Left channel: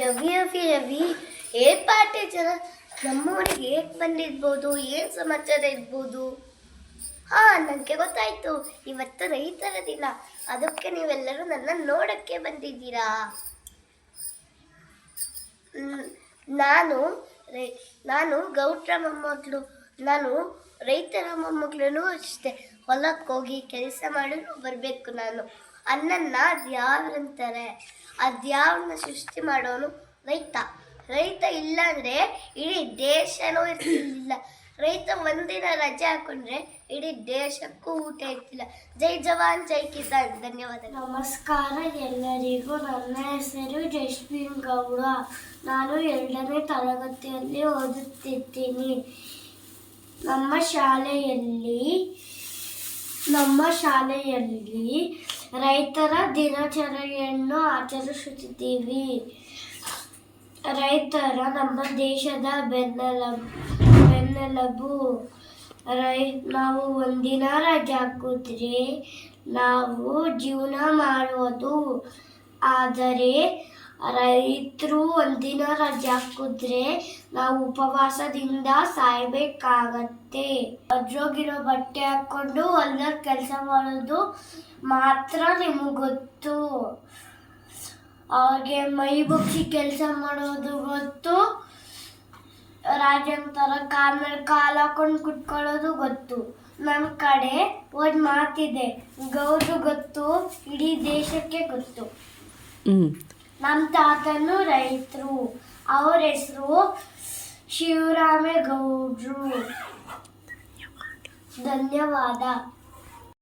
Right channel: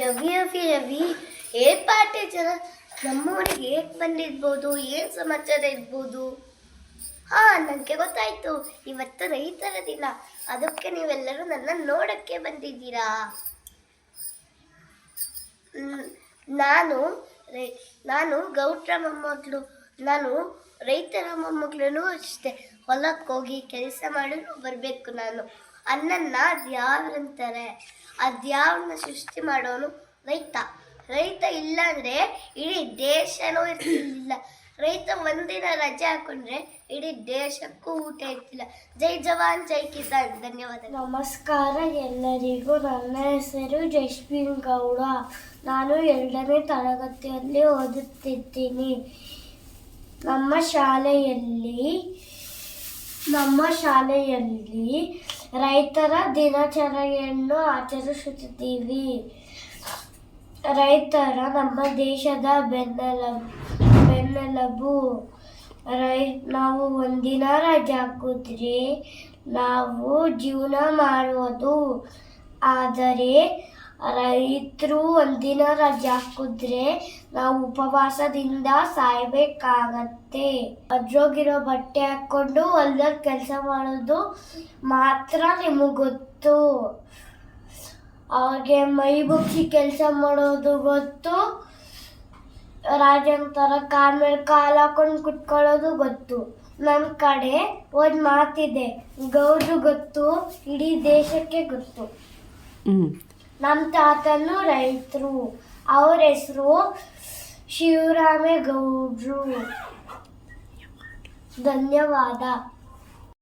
ರವಿ ರವಿ ರವಿ ಏನ್ ಪಾರ್ಟಿ ಜನ ನಮ್ಮೂರಿಗೆ ಹೇಗೆ ಬಂದಿರ್ಬೋದು, ಏನು ಸಮಾಚಾರ ಇರ್ಬೋದು? ಹಾ, ನನಗೆ ಗೊತ್ತಾಯ್ತು, ಇವತ್ತು ರೈತರ ದಿನ. ಅದಕ್ಕೆ ನೀವೆಲ್ಲರೂ ನನ್ನ ನೋಡಕ್ಕೆ ಬಂದಿದ್ದೀರಾ. ನಾನು ನಾನು ಗೌಡ್ರ ಮೊಮ್ಮಗಳು. ನಾನು ರೈತರ ಮೊಮ್ಮಗಳು ಅಷ್ಟೇ. ಹೊಲಕ್ಕೆ ಹೋಗಿ ಕೆಲಸ ಮಾಡಲು ಬರಬೇಕು ನಾನು. ಅನ್ನನ್ನ ಅದ್ಯಾವ್ರಂತಾರೆ? ಅದ್ಯಾವನ್ನ ಸೃಷ್ಟಿ ಮಾಡೋನು ರೈತ. ರೈತ ಇಲ್ಲ ಅಂದರೆ ಇಡೀ ದೇಶನೂ ಇರ್ತಿರ್ಲಿಲ್ಲ. ರೈತ ಒಂದಿನ ರಜೆ ಹಾಕೊಂಡ್ರೆ ಇಡೀ ದೇಶಕ್ಕೂ ಊಟ ಇರ್ತಿಲ್ಲ. ಜೈ ಜವಾನ್ ಜೈ ಕಿಸಾನ್. ಧನ್ಯವಾದ. ನಮಸ್ಕಾರ ಎಲ್ಲರಿಗೂ. ನನ್ನ ಹೆಸರು ಜಸ್ವಿನ್ ಗೌಡ. ನಾನು 2ನೇ ತರಗತಿಯಲ್ಲಿ ಓದುತ್ತಿದ್ದೀನಿ. ನಮ್ಮ ಶಾಲೆಯಲ್ಲಿ ರೈತರ ದಿನಾಚರಣೆಯನ್ನು ಆಚರಿಸುತ್ತಿದ್ದೀವಿ. ರೈತರ ನಮ್ಮ ದೇಶದ ಬೆನ್ನೆಲುಬು. ನಾವು ಒಂದಿನ ರಜೆ ಹಾಕಿದ್ರೆ ನಾವು ಜೀವನ ಮಾಡುವುದು. ಆದರೆ ರೈತರು ಒಂದಿನ ರಜೆ ಹಾಕಿದ್ರೆ ನಾವು ಉಪವಾಸದಿಂದ ಸಾಯ್ಬೇಕಾಗತ್ತೆ. ಅದ್ರೋಗಿರೋ ಬಟ್ಟೆ ಹಾಕ್ಕೊಂಡು ಹೊಲ್ದಲ್ಲಿ ಕೆಲಸ ಮಾಡೋದು ಮಾತ್ರ ನಿಮಗೆ ಗೊತ್ತು. ಅವ್ರಿಗೆ ಮೈ ಬಗ್ಸಿ ಕೆಲಸ ಮಾಡೋದು ಗೊತ್ತು. ರಾಜನ ಥರ ಕಾಲ ಮೇಲೆ ಕಾಲು ಹಾಕೊಂಡು ಕುತ್ಕೊಳ್ಳೋದು ಗೊತ್ತು. ನಮ್ಮ ಕಡೆ ಒಂದು ಮಾತಿದೆ, ಗೌಡ್ರು ಗೊತ್ತು, ಇಡೀ ದೇಶಕ್ಕೆ ಗೊತ್ತು. ನಮ್ಮ ತಾತನು ರೈತರು. ಅವ್ರ ಹೆಸರು ಶಿವರಾಮೇಗೌಡರು. ಧನ್ಯವಾದ.